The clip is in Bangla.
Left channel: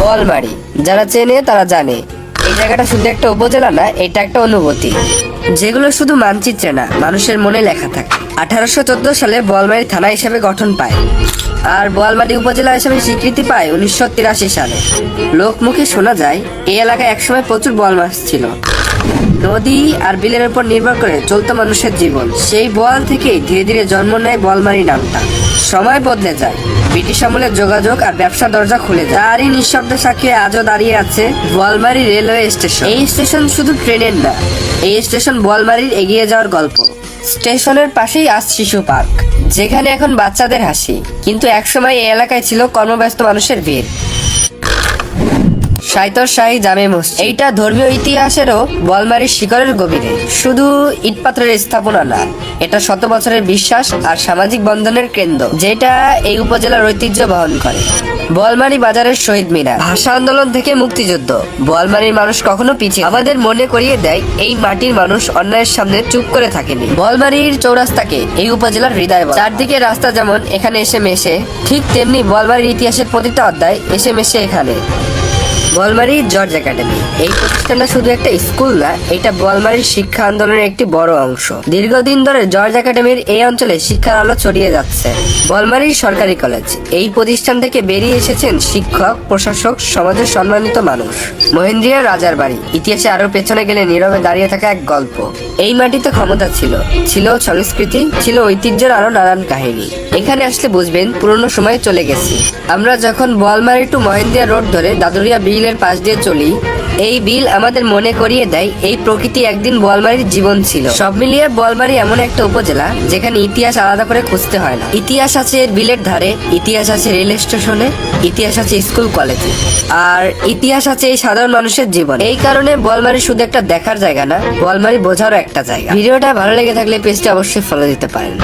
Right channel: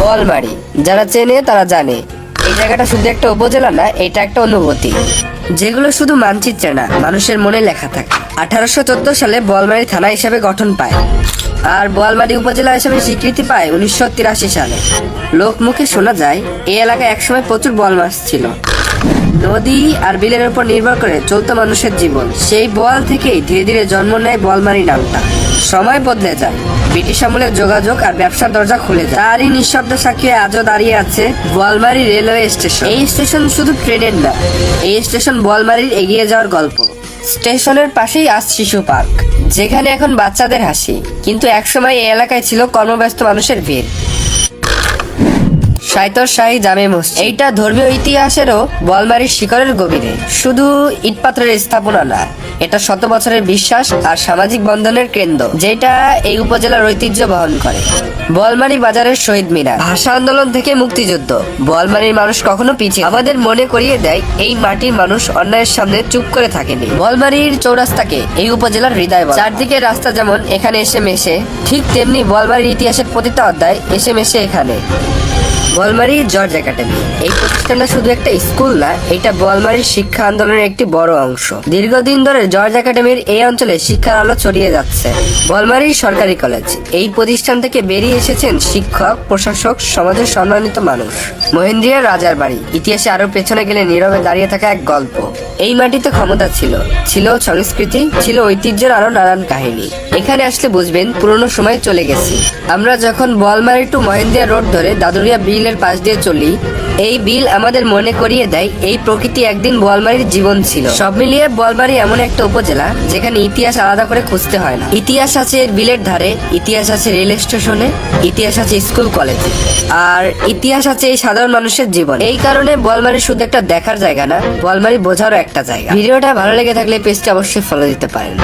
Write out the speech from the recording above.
বোয়ালমারী, যারা চেনে তারা জানে এই জায়গাটা শুধু একটা উপজেলা না, এটা একটা অনুভূতি যেগুলো শুধু মানচিত্রে না, মানুষের মনে লেখা থাকে। 1814 সালে বোয়ালমারী থানা হিসেবে গঠন পায় আর বোয়ালমারী উপজেলা হিসেবে স্বীকৃতি পায় 1983 সালে। লোকমুখে শোনা যায় এই এলাকায় একসময় প্রচুর বোয়াল মাছ ছিল। নদী আর বিলের উপর নির্ভর করে চলতো মানুষের জীবন। সেই বোয়াল থেকেই ধীরে ধীরে জন্ম নেয় বোয়ালমারী নামটা। সময় বদলে যায়, ব্রিটিশ আমলের যোগাযোগ আর ব্যবসার দরজা খুলে যায়। তারই নিঃশব্দ সাক্ষী আজও দাঁড়িয়ে আছে বোয়ালমারী রেলওয়ে স্টেশন। এই স্টেশন শুধু ট্রেনের না, এই স্টেশন বোয়ালমারীর এগিয়ে যাওয়ার গল্প। স্টেশনের পাশেই আজ শিশু পার্ক, যেখানে এখন বাচ্চাদের হাসি, কিন্তু একসময় এই এলাকায় ছিল কর্মব্যস্ত মানুষের ভিড়। শাহী জামে মসজিদ, এইটা ধর্মীয় ইতিহাসেরও বোয়ালমারীর শিকড়ের গভীরে। শুধু ইট পাথরের স্থাপনা না, এটা শত বছরের বিশ্বাস আর সামাজিক বন্ধনের কেন্দ্র, যেটা এই উপজেলার ঐতিহ্য বহন করে। বোয়ালমারী বাজারের শহীদ মিনার, ভাষা আন্দোলন থেকে মুক্তিযুদ্ধ, বোয়ালমারীর মানুষ কখনো পিছিয়ে আমাদের মনে করিয়ে দেয় এই মাটির মানুষ অন্যায়ের সামনে চুপ করে থাকেনি। বোয়ালমারীর চৌরাস্তাকে এই উপজেলার হৃদয় বলে। চারদিকে রাস্তা যেমন এখানে এসে মেশে, ঠিক তেমনি বোয়ালমারীর ইতিহাসের প্রতিটা অধ্যায় এসে মেশে এখানে। বোয়ালমারী জর্জ একাডেমি, এই প্রতিষ্ঠানটা শুধু একটা স্কুল না, এটা বোয়ালমারীর শিক্ষা আন্দোলনের একটি বড় অংশ। দীর্ঘদিন ধরে জর্জ একাডেমির এই অঞ্চলে শিক্ষার আলো ছড়িয়ে যাচ্ছে। বোয়ালমারীর সরকারি কলেজ, এই প্রতিষ্ঠান থেকে বেরিয়ে এসেছেন শিক্ষক, প্রশাসক, সমাজের সম্মানিত মানুষ। মহেন্দ্রিয়া রাজার বাড়ি, ইতিহাসে আরো পেছনে গেলে নীরবে দাঁড়িয়ে থাকা এক গল্প। এই মাটিতে ক্ষমতা ছিল, ছিল সংস্কৃতি, ছিল ঐতিহ্যের আরো নানান কাহিনী। এখানে আসলে বুঝবেন পুরনো সময় চলে গেছি। আমরা যখন বোয়ালমারী টু মহেন্দ্রিয়া রোড ধরে দাদুরিয়া বিলের পাশ দিয়ে চলি, এই বিল আমাদের মনে করিয়ে দেয় এই প্রকৃতি একদিন বোয়ালমারীর জীবন ছিল। সব মিলিয়ে বোয়ালমারী এমন একটা উপজেলা যেখানে ইতিহাস আলাদা করে খুঁজতে হয় না। ইতিহাস আছে বিলের ধারে, ইতিহাস আছে রেল স্টেশনে, ইতিহাস আছে স্কুল কলেজে, আর ইতিহাস আছে এই সাধারণ মানুষের জীবন। এই কারণে বোয়ালমারী শুধু একটা দেখার জায়গা না, বোয়ালমারী বোঝারও একটা জায়গা। ভিডিওটা ভালো লেগে থাকলে পেজটা অবশ্যই ফলো দিতে পারেন।